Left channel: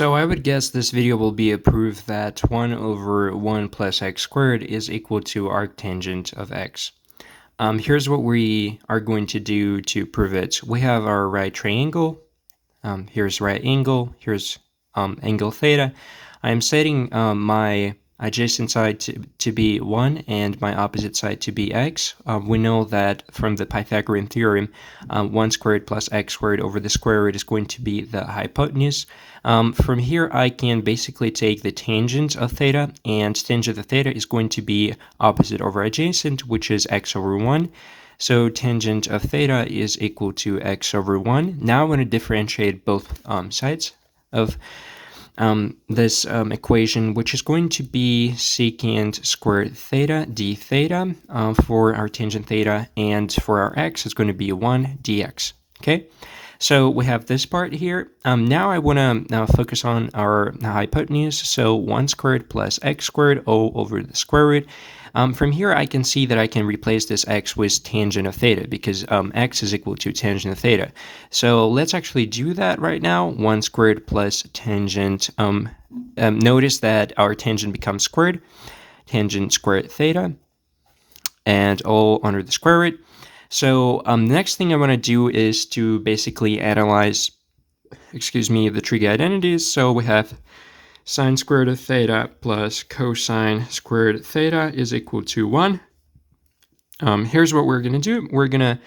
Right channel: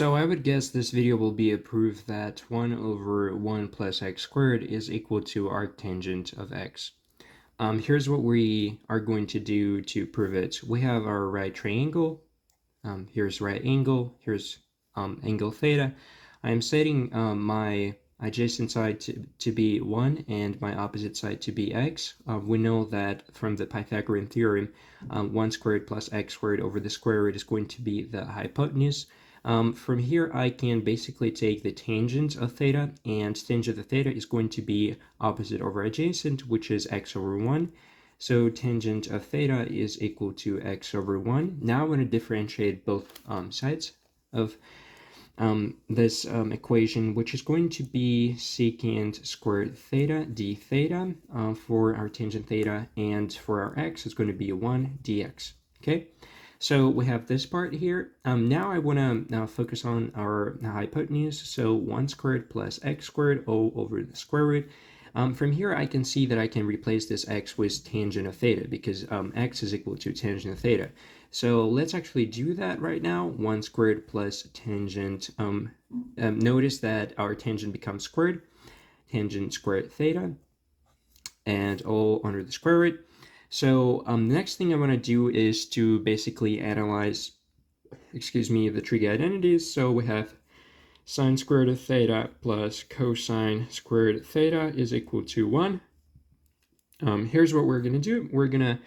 So I would guess this video will be a proof that 1 over 1 plus x squared is equal to arctangent of x. Here's what we are going to do to prove it. We have our right triangle. Here's right angle. Here's angle theta. I'm setting my adjacent side to be 1 and my opposite side to be x. We know that from the Pythagorean theorem, 1 squared plus x squared over the square root is going to be the hypotenuse. From here, I can basically take the tangent of theta, and tangent of theta is going to be opposite over adjacent, which is x over 1. So tangent of theta is equal to x over 1. Now I'm going to differentiate both sides of this equation, which is going to be secant squared theta d theta for our tangent theta, and for our x, it's going to be 1 dx. Okay, so we have this part here. Now I want to now focus on our hypotenuse. So 1 squared plus x squared all over the square root. From here, I can see that I can replace this x with tangent of theta, because x is equal to tangent of theta. So let's actually do that right now. 1 squared plus tangent. Notice that our tangent becomes squared. Tangent squared theta, and all under the square root. So the next thing I want to do is to basically analyze, the trig identities. So we have sine squared of theta plus cosine squared theta is equal to 1. Here's what we're going to do. We're going to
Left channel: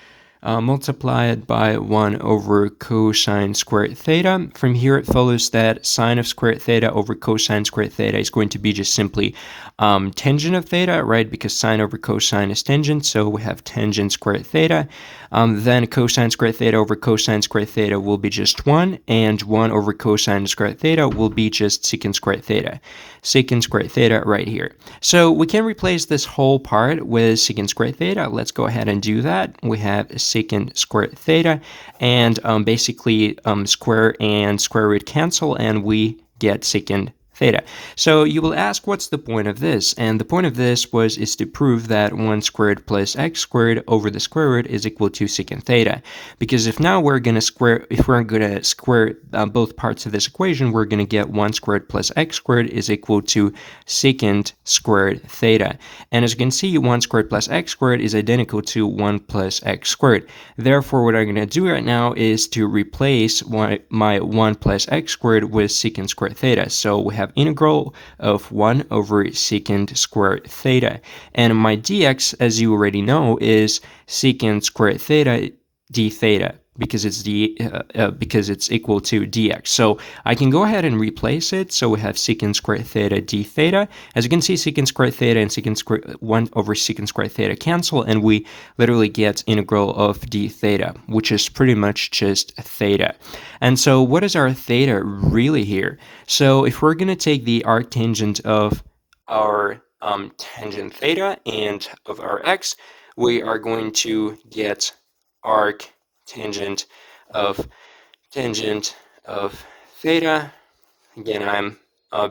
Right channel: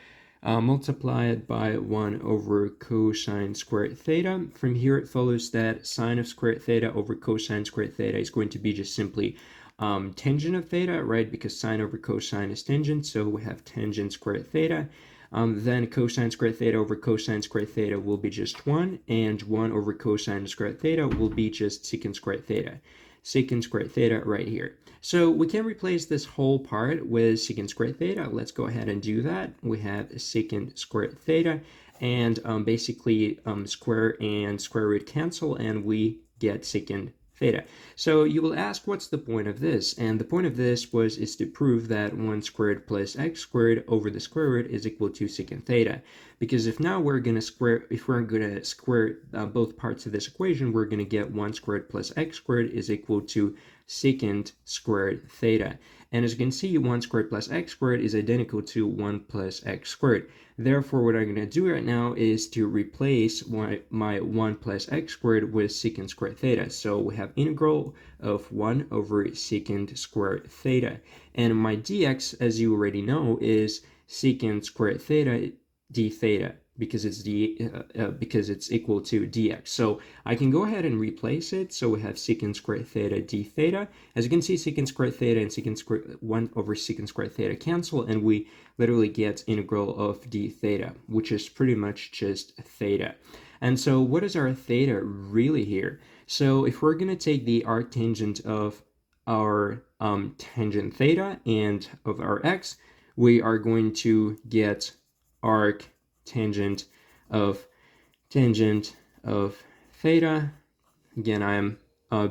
multiply it by 1 over cosine squared theta. From here, it follows that sine of squared theta over cosine squared theta is going to be just simply tangent of theta, right? Because sine over cosine is tangent, so we have tangent squared theta. Then cosine squared theta over cosine squared theta will be just 1, and 1 over cosine squared theta will be just secant squared theta. Secant squared theta right here. So we can replace this whole part with secant squared theta. Let's go ahead and do that. We have secant squared theta, and basically square and square root cancel, and we get secant theta. So you will ask, what's the point of this? And the point of this is to prove that 1 squared plus x squared over the square root is equal to secant theta. Because if we're going to square both parts of this equation, we're going to get 1 squared plus x squared is equal to secant squared theta. And as you can see, 1 squared plus x squared is identical to 1 plus x squared. Therefore, what I'm going to do right now is to replace my 1 plus x squared with secant squared theta. So we have integral of 1 over secant squared theta. And my dx, as you already know, is secant squared theta d theta, because it's equal to dx. So I can go ahead and replace it. So we have secant squared theta d theta. As you can see, secant squared theta and secant squared 1 over secant squared theta cancel, and we literally get integral of d theta, which is pretty much just theta. And so what is our theta really here? So if we're going to take the arctangent of our tangent theta and of our x, we are going to get arctangent of theta. Again, I'm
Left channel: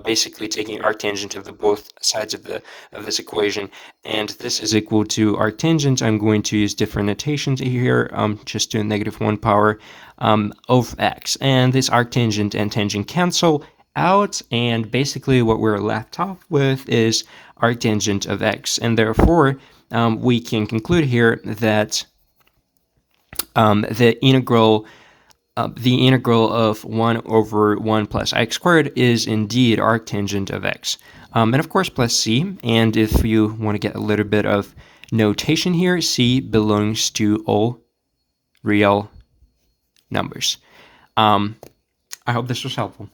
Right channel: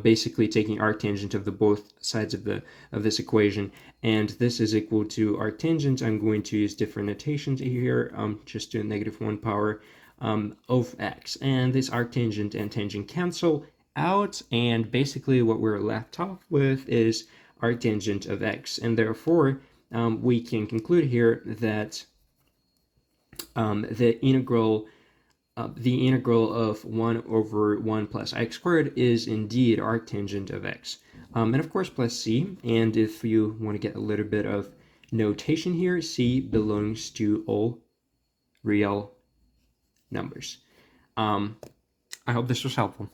basically taking arctangent of the both sides of this equation, and this is equal to arctangent. I'm going to use different notations here, just to -1 power of x, and this arctangent and tangent cancel out, and basically what we're left off with is arctangent of x, and therefore we can conclude here that the integral of 1 over 1 plus x squared is indeed arctangent of x. And of course, plus c. And if you want to get a little bit of notation here, c belongs to all real numbers. I hope this was helpful.